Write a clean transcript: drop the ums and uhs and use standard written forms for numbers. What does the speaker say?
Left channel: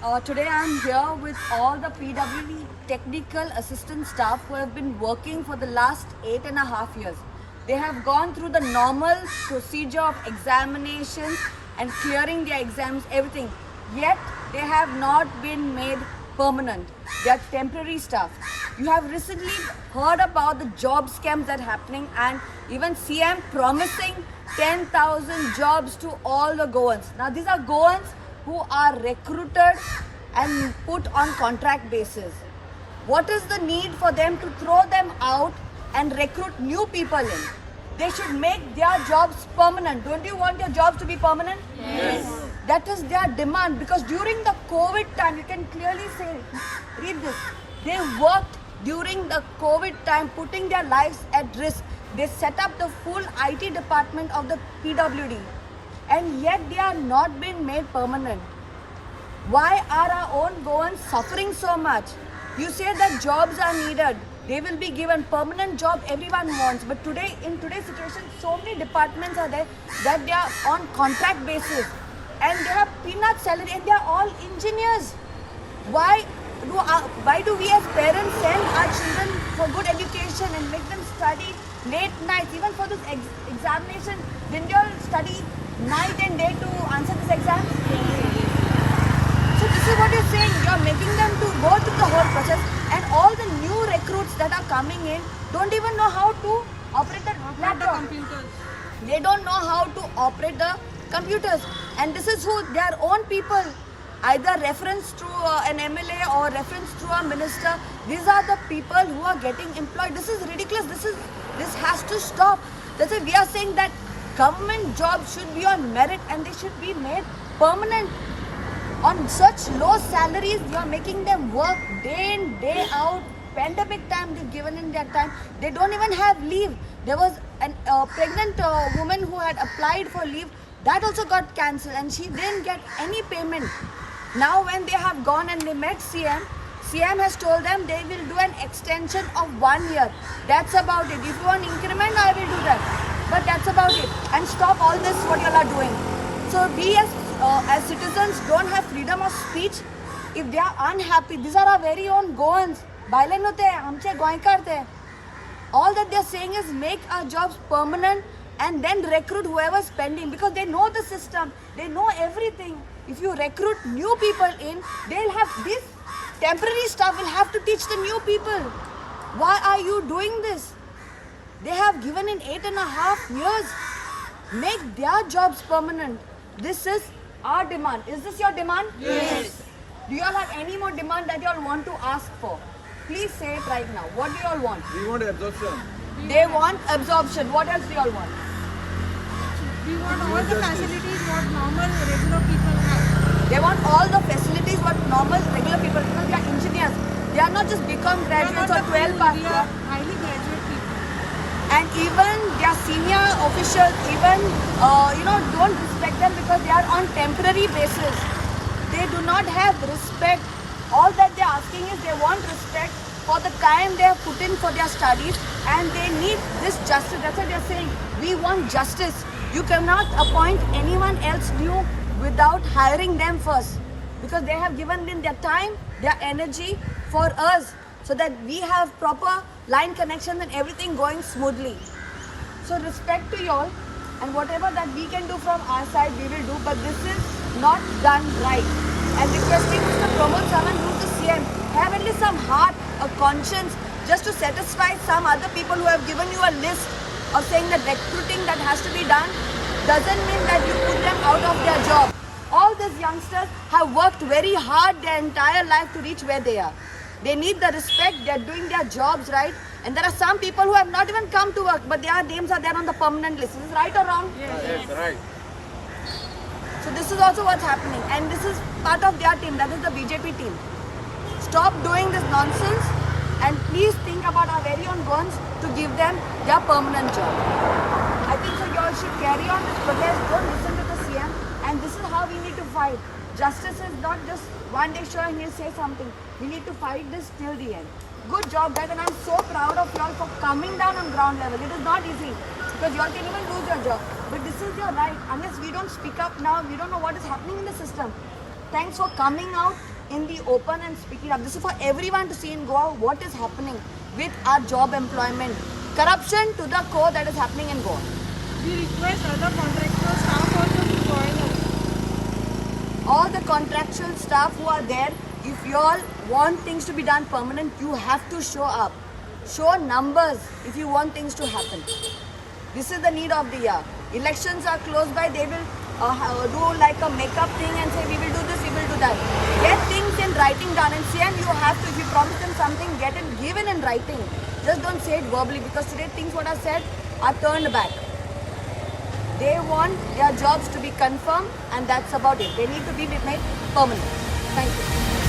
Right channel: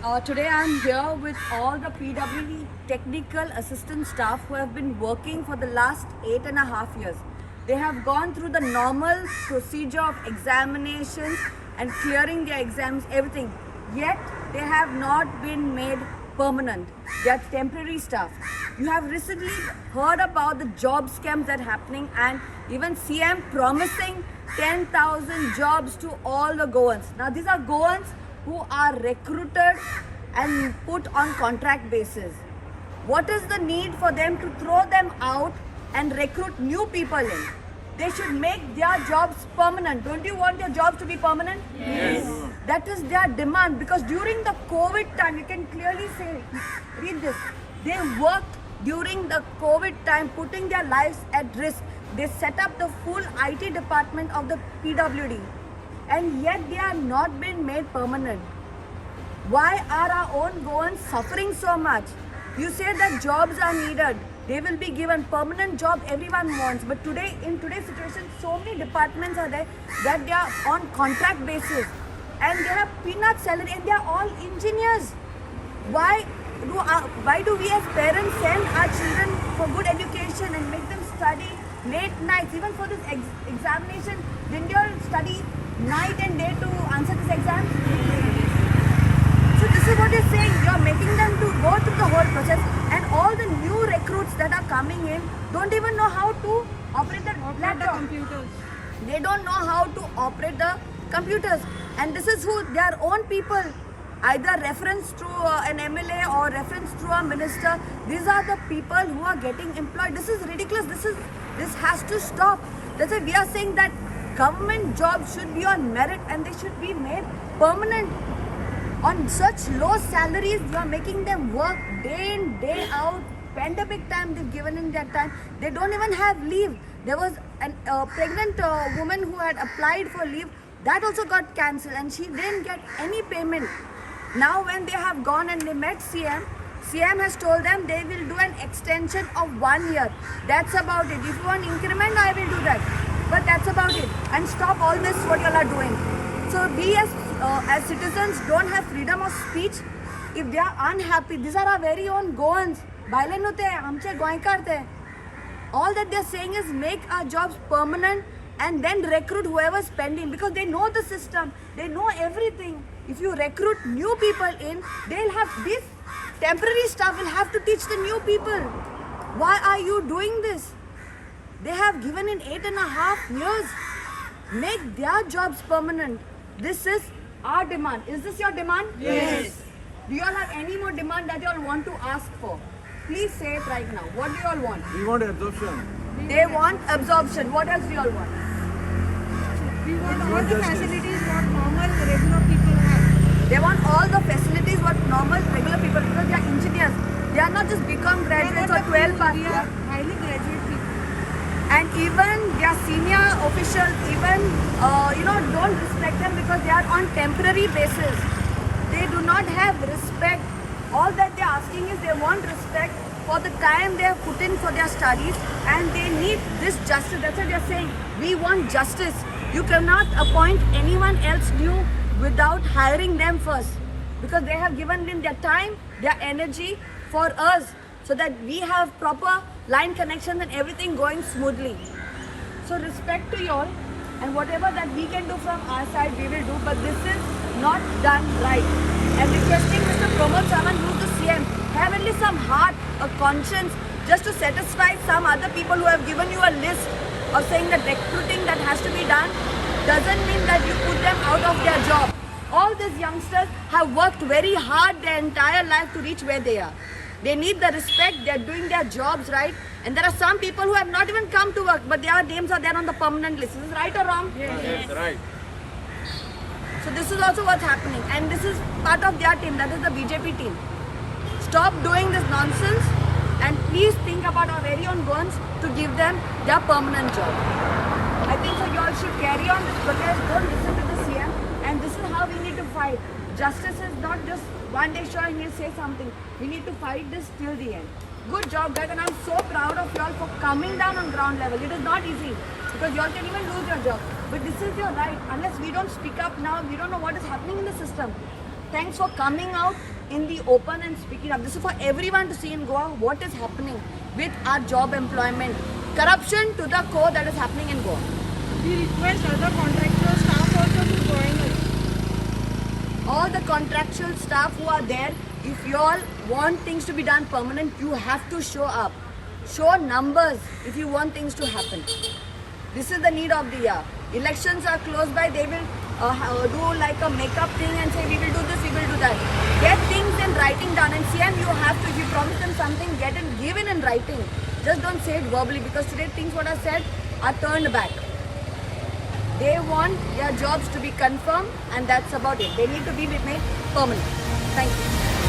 Today I'm here with all the PWD technical assistant staff who have been working for the last 8.5 years. They have gone through the normal procedure of examinations and clearing their exams, everything. Yet they have not been made permanent. They are temporary staff. You have recently heard about the job scams that are happening, and even CM promising 10,000 jobs to all the Goans. Now these are Goans who are recruited and put on contract basis. What is the need for them to throw them out and recruit new people in? They should make their jobs permanent. Don't you want your jobs to be permanent? Yes. That is their demand, because during the COVID time, you can clearly say, read this, they worked during the COVID time, putting their lives at risk. They set up the full IT department of the PWD, and yet they are not being made permanent. Why are our own Goans suffering so much? You say that jobs are needed. They will be given permanent job everyone wants. But today, in today's situation, so many departments are there that they are on contract basis. And they have peanut salary and they are all engineers. Why do we as parents send our children for good education and make them study late nights, even for this examination? Didn't you all study night and day to answer this exam? So this is what you're saying. You're making them to go through the whole process, and all the new recruits that are coming in don't even know how to operate the computers. They don't know how to operate the computers, and this is who their own people, either reference to an MLA or reference to a minister. These are the people who are getting employed. This is ridiculous. This has to stop. That's why we are saying that government jobs should be on merit and they should be made permanent. On such low salaries, you are making them work day in, day out. Pandemic time, they've given in their time. They don't even have leave. There was a pregnant woman who had applied for leave. That also got cancelled, and she didn't get any payment. Now when they have gone and they met CM, CM has told them they will do an extension of 1 year. That's about it. If you want increment, I will do that. But that's about it. And stop all this what you all are doing. So we as citizens don't have freedom of speech. If they are unhappy, these are our very own Goans. Bailen hote hai, humse goinkar the. All that they're saying is make our jobs permanent and then recruit whoever's pending, because they know the system, they know everything. If you recruit new people in, they'll have this temporary staff will have to teach the new people. Why are you doing this? They have given in 8.5 years. Make their jobs permanent. This is our demand. Is this your demand? Yes. Do you all have any more demand that you all want to ask for? Please say it right now. What do you all want? We want absorption. They want absorption. What else do you all want? We want all the facilities what normal regular people have. They want all the facilities what normal regular people, because they are engineers. They are not just BCom We are not graduates or the 12 few, pass. we are highly graduate people. And even their senior officials, even don't respect them because they are on temporary basis. They do not have respect. All that they are asking is they want respect for the time they have put in for their studies, and they need this justice. That's what they are saying. We want justice. You cannot appoint anyone else new without hiring them first, because they have given in their time, their energy for us, so that we have proper line connections and everything going smoothly. So respect to you all, and whatever that we can do from our side, we will do, but this is not done right. And requesting Mr. Pramod Sawan, who's the CM, have at least some heart, a conscience, just to satisfy some other people who have given you a list of saying that recruiting that has to be done doesn't mean that you put them out of their job. All these youngsters have worked very hard their entire life to reach where they are. They need the respect, they are doing their jobs right. And there are some people who have not even come to work, but their names are there on the permanent list. Is this right or wrong? Yes. Right. So this is also what's happening. And this is part of their team, that is the BJP team. Stop doing this nonsense, and please think about our very own ones to give them their permanent job. I think so you all should carry on protest, don't listen to the CM, and this is how we need to fight. Justice is not just one day sure and you say something. We need to fight this till the end. Good job guys, and I'm so proud of you all for coming down on ground level. It is not easy, because you all can even lose your job. But this is your right. Unless we don't speak up now, we don't know what is happening in the system. Thanks for coming out in the open and speaking up. This is for everyone to see in Goa what is happening with our job employment. Corruption to the core that is happening in Goa. We request other contractual staff also to join us. All the contractual staff who are there, if you all want things to be done permanent, you have to show up. Show numbers if you want things to happen. This is the need of the year. Elections are close by, they will do like a makeup thing and say we will do this, we will do that. Get things in writing done. And CM, you have to, if you promise them something, get it given in writing. Just don't say it verbally, because today things what are said are turned back. They want their jobs to be confirmed, and that's about it. They need to be made permanent. Thank you.